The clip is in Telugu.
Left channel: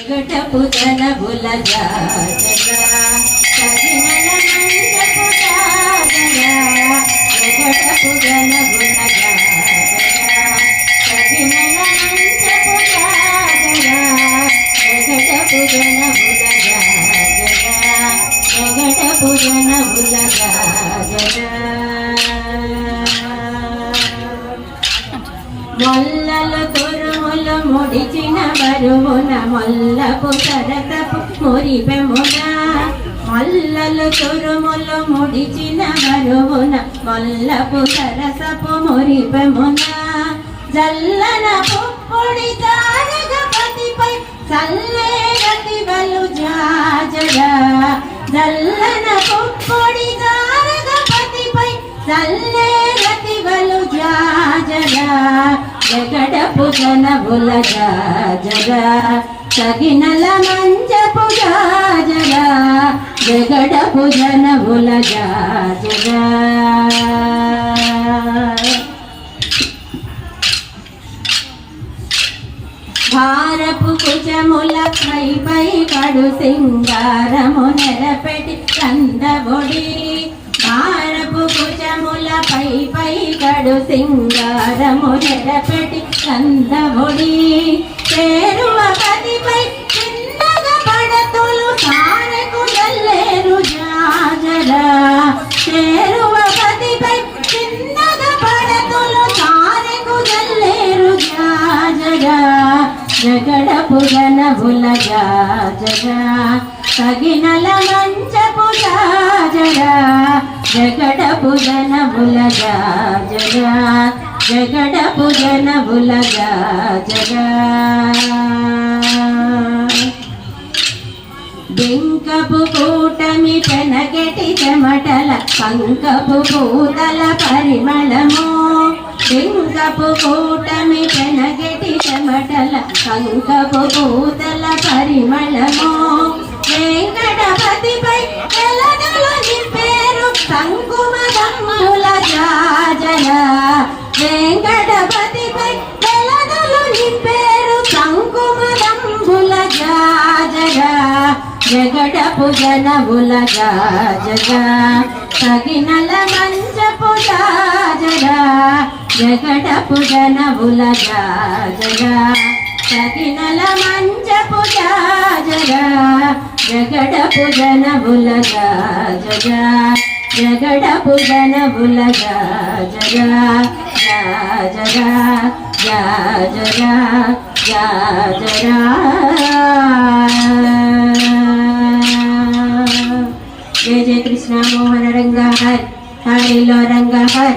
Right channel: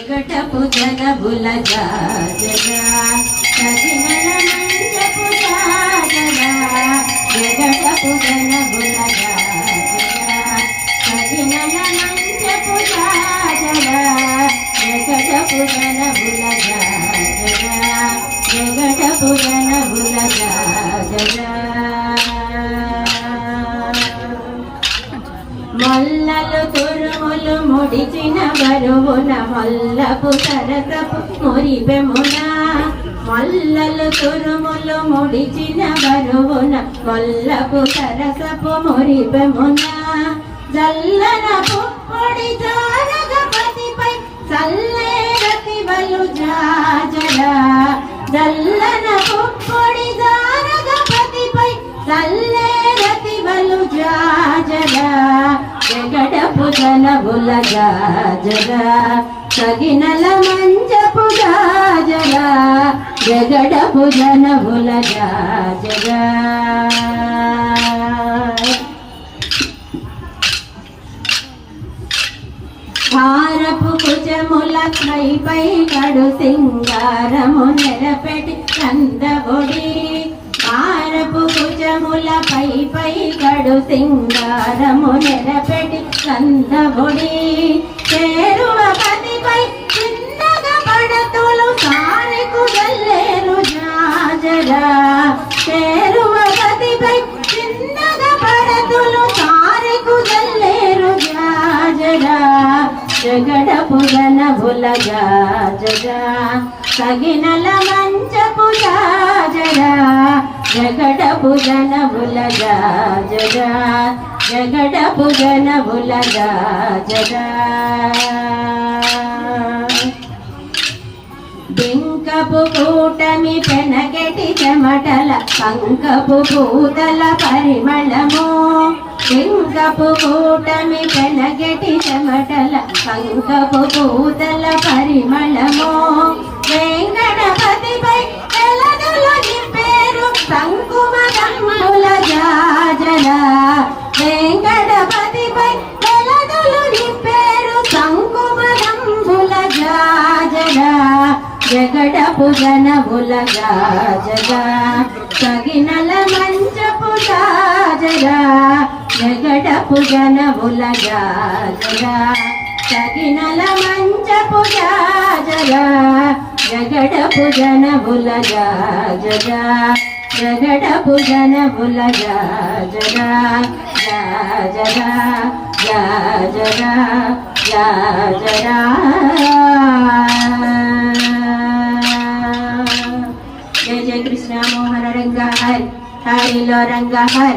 జగటపు జనబుల జాజరా సజినల మంచపు జాజరా జగటపు జనబుల జాజరా సజినల మంచపు జాజరా జగటపు జనబుల జాజరా జగటపు జనబుల జాజరా మొల్లలు తురుములు ముడిచిన బరువున మొల్లపు సరసపు మురిపెమున మొల్లలు తురుములు ముడిచిన బరువున మొల్లపు సరసపు మురిపెమున జల్లనపు పొడి జారగపతిపై చల్లేరతి బలు జాజరా జల్లనపు పొడి జారగపతిపై చల్లేరతి బలు జాజరా జగడపు జనబుల జాజరా సగినల మంచపు జాజరా జగడపు జనబుల జాజరా భారపు కుచముల పై కడు సింగారము నెరపెటి కందబొడి భారపు కుచముల పై కడు సింగారము నెరపెటి కందబొడి చేరువ పదిపై చిన్నగా పడతులు సారెకు గల్లేరు జాజరా చేరువ పదిపై చిన్నగా పడతులు సారెకు గల్లేరు జాజరా జగడపు జనబుల జాజరా సగినల మంచపు జాజరా జగడపు జనబుల జాజరా జగడపు జనబుల జాజరా బింకపు కూటమి పెనగటి చెమటల పంకపు పూతల పరిమళము బింకపు కూటమి పెనగటి చెమటల పంకపు పూతల పరిమళము వెంకటపతిపై వెలగలు నింపేరు సంకుమదమ్ముల జాజరా వెంకటపతిపై వెలగలు నింపేరు సంకుమదమ్ముల జాజరా జగడపు జనబుల జాజరా సగినల మంచపు జాజరా జగడపు జనబుల జాజరా సగినల మంచపు జాజరా జగడపు జనబుల జాజరా జగడపు జనబుల జాజరా జాజరా జాజరా జాజరా జయ జయ కృష్ణ మోహన రంగ హరి హరిలో రంగ హరి